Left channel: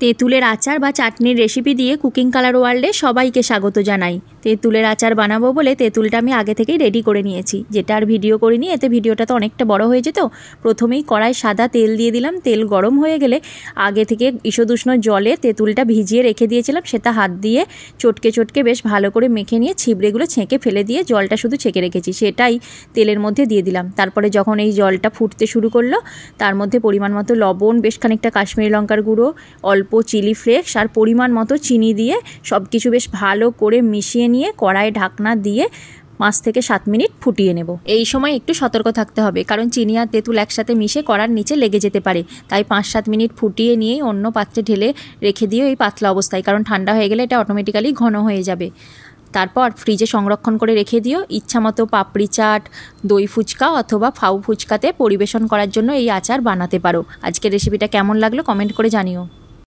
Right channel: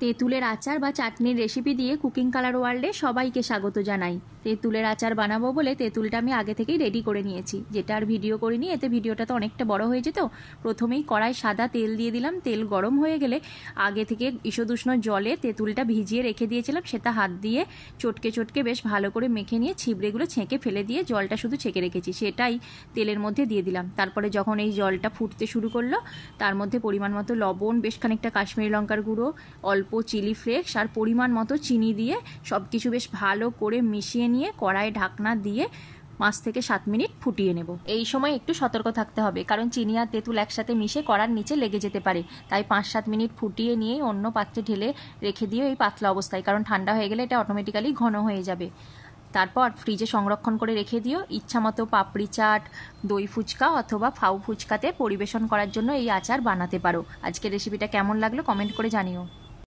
তেঁতুলের আচার বা চাটনির রেসিপি দিয়ে কুকিং কালার ওয়ার্ল্ডে সবাইকে স্বাগত জানাই। তেঁতুলের আচার বানাবো বলে তেঁতুলটা আমি আগে থেকেই রেডি করে নিয়েছি, যেটা আর ভিডিও করিনি, এতে ভিডিওটা তো অনেকটা বড় হয়ে যেত। প্রথমেই কড়াই সাদা তেল দিয়ে দিলাম। তেল গরম হয়ে গেলে আগে থেকে ঈষদুষ্ণ জলে তেঁতুলটা ভিজিয়ে রেখে দিয়েছিলাম, সেটা হাত দিয়ে চটকে চটকে বেশ ভালো করে মেখে নিয়ে ছিবড়েগুলো ছেঁকে ফেলে দিয়ে জলটা শুধু ছেঁকে রেখেছি, সেটাই তেলের মধ্যে দিয়ে দিলাম। তারপরে যখন এই জলটা ফুটতে শুরু করলো, তার মধ্যে পরিমাণ মতো লবণ, বেশ খানিকটা কাশ্মীরি লঙ্কার গুঁড়ো, অল্প চিলি ফ্লেক্স আর পরিমাণ মতো চিনি দিয়ে সব কিছু বেশ ভালো করে মিশিয়ে নিয়ে কড়াই ঢাকনা দিয়ে 5 থেকে 7 মিনিট ফুটিয়ে নেব। এই সময় একটু সতর্ক থাকতে হবে, কারণ চিনি আর তেঁতুল একসাথে মিশে কড়ার নিচে লেগে যেতে পারে। তাই 5-7 মিনিট ফুটিয়ে নিয়ে অন্য পাত্রে ঢেলে রেখে দিও এই পাতলা অবস্থায়, কারণ ঠান্ডা হয়ে গেলে এটা অটোমেটিক্যালি ঘন হয়ে যাবে। তারপর ফ্রিজে সংরক্ষণ করে রেখে দিও। ইচ্ছামতো পাপড়ি চাট, দই ফুচকা অথবা ফাউ ফুচকাতে পরিবেশন করার জন্য এই আচার বানাতে পারো। আজকের রেসিপিটা কেমন লাগলো কমেন্ট করে জানিও।